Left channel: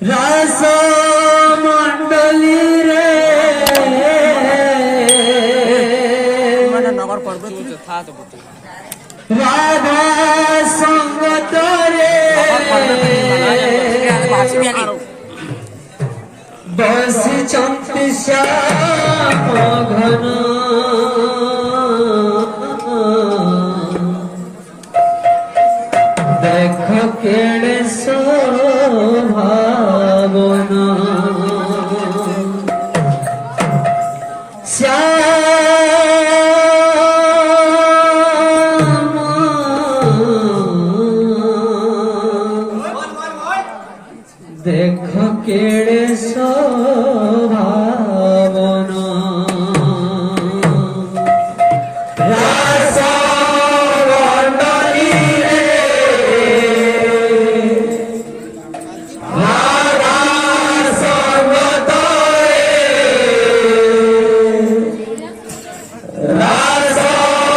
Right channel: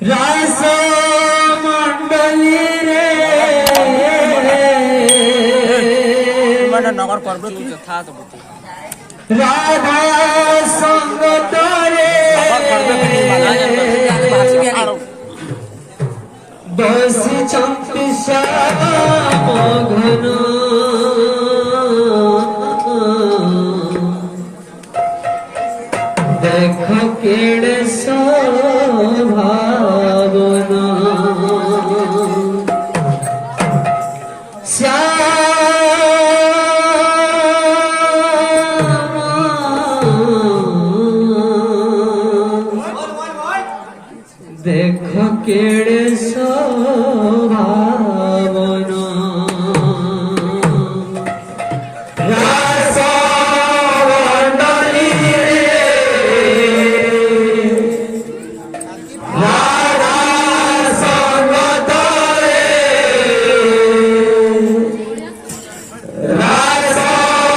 রাস মন্ডলী রে রাধা সঙ্গত রে বসিছন্তি শ্যাম ঘন দেখ কেড়ে শোভাবনা দেখ কেড়ে শোভাবনা রাস মন্ডলী রে রাধা সঙ্গত রে রাস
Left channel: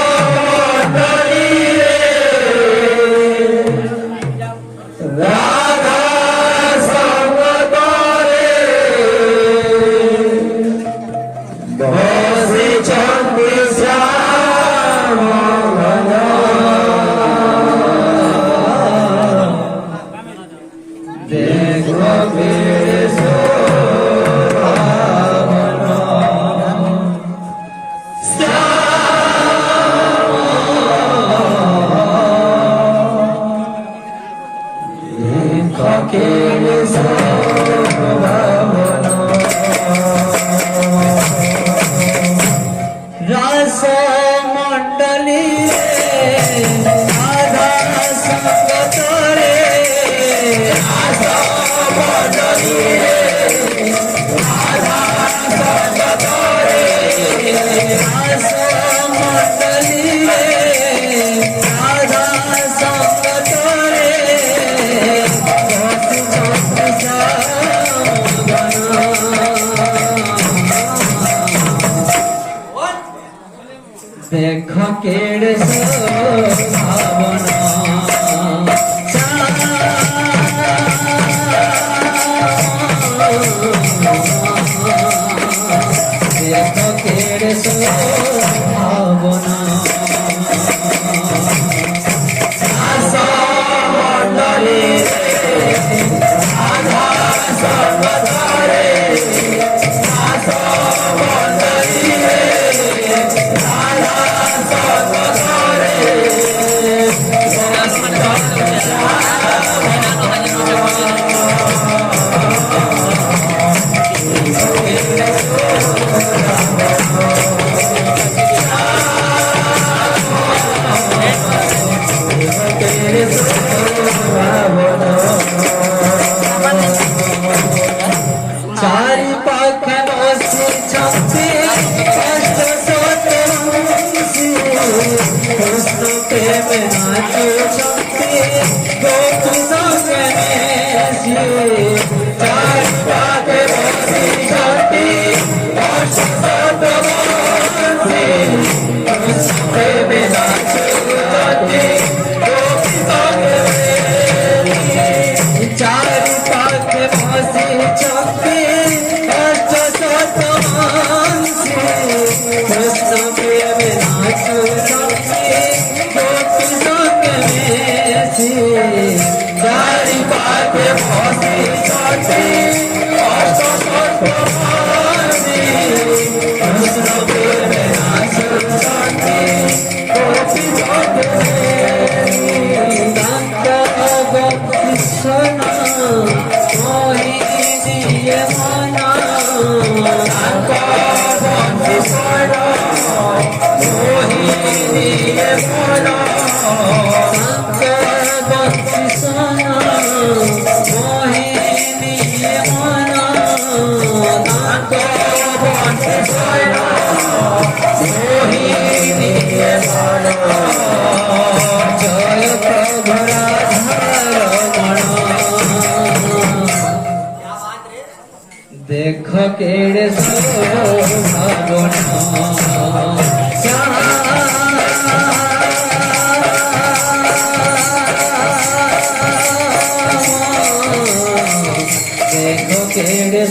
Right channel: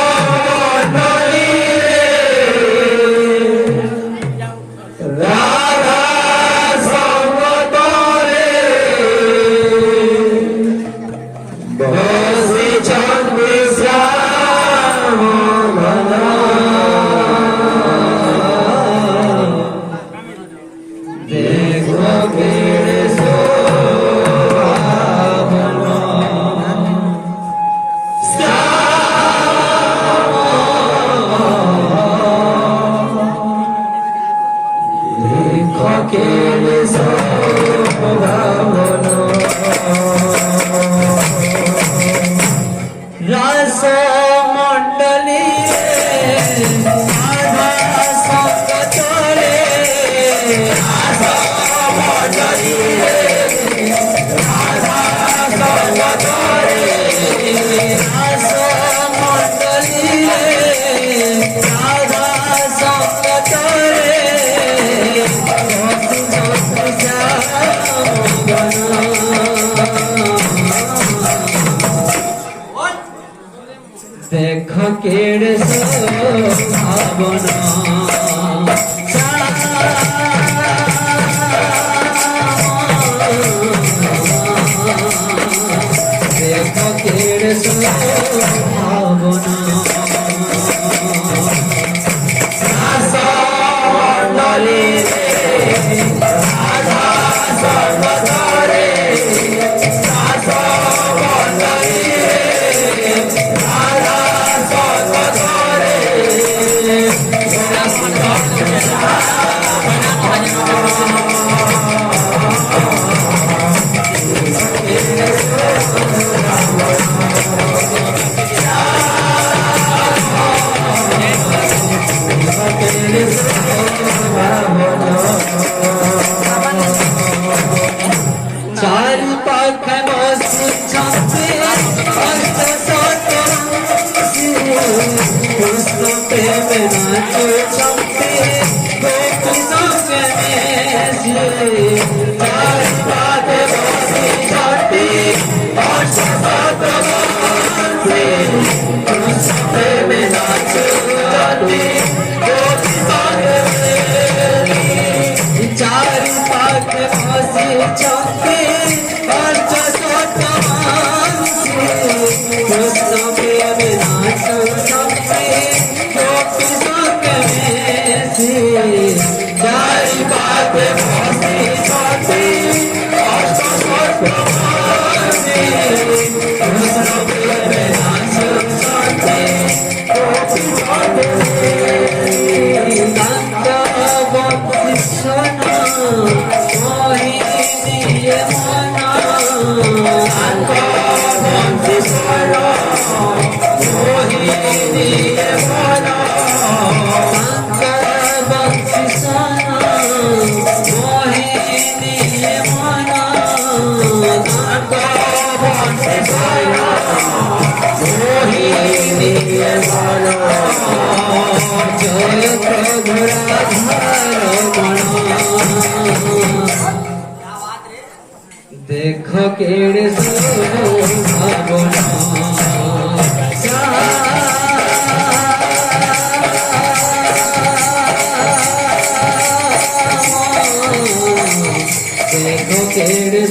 মন্ডলী রে রাধা সঙ্গত রে বসিছন্তি শ্যাম ঘন দেখ কেড়ে শোভাবনা দেখ কেড়ে শোভাবনা রাস মন্ডলী রাধা সঙ্গত রে রাস মন্ডলী রে রাধা সঙ্গত রে রাস মন্ডলী রে রাধা সঙ্গত রে বসিছন্তি শ্যাম ঘন দেখ কেড়ে শোভাবনা দেখ কেড়ে শোভাবনা রাস মন্ডলী রে রাধা সঙ্গত রে রাস মন্ডলী রে রাধা সঙ্গত রে চারি পাখে বসিছন্তি কৃষ্ণ প্রেমে নাচুছন্তি গোপী সঙ্গে মিশি চারি পাখে বসিছন্তি কৃষ্ণ প্রেমে নাচুছন্তি গোপী সঙ্গে মিশি চারি পাখে বসিছন্তি কৃষ্ণ প্রেমে নাচুছন্তি গোপী সঙ্গে মিশি চারি পাখে বসিছন্তি কৃষ্ণ প্রেমে নাচুছন্তি গোপী সঙ্গে কৃষ্ণ মোহিনী মনা মোহিনী মনা মোহিনী মনা মোহিনী মনা জয় দেখ কেড়ে শোভাবনা देखो केड़े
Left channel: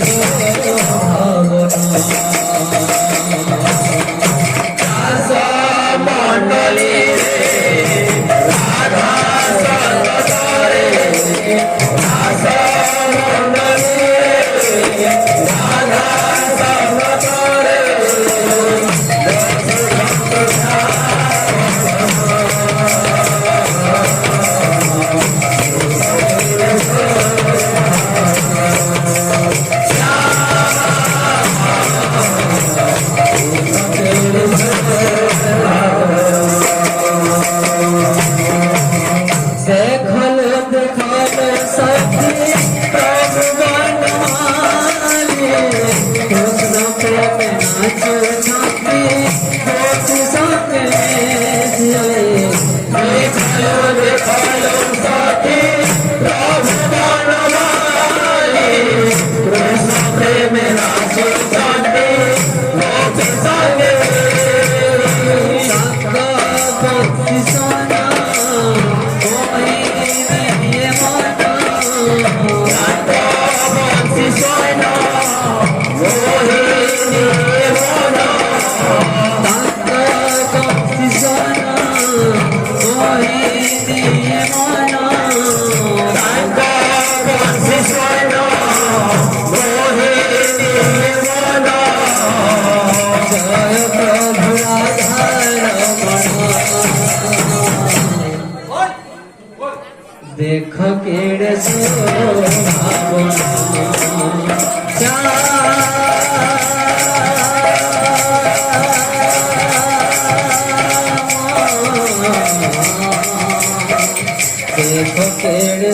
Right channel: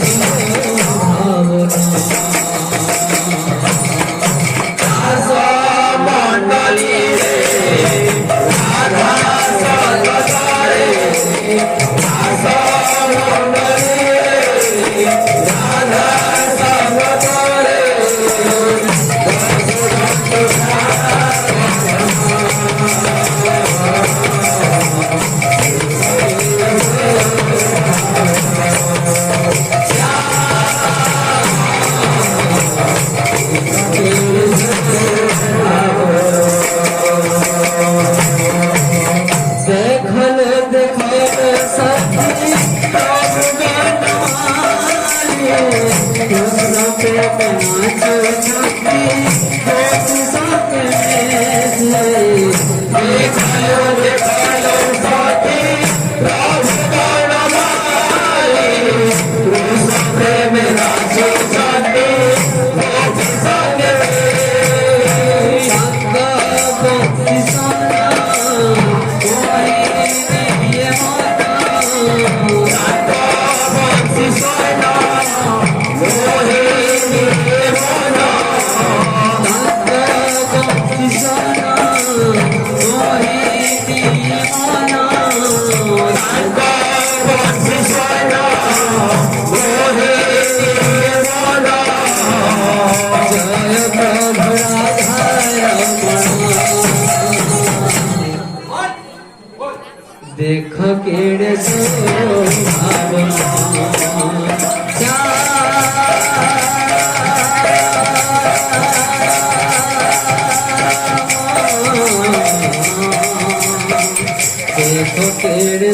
देखो केड़े देखो केड़े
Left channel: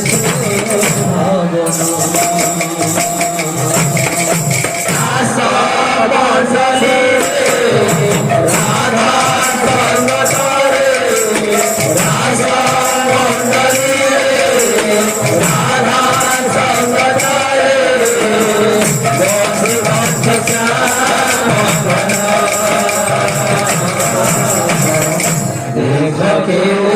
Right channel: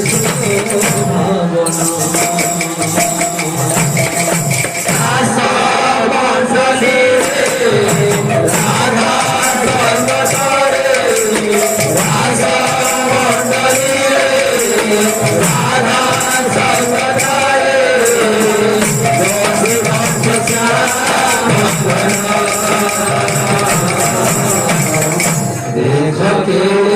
देखो के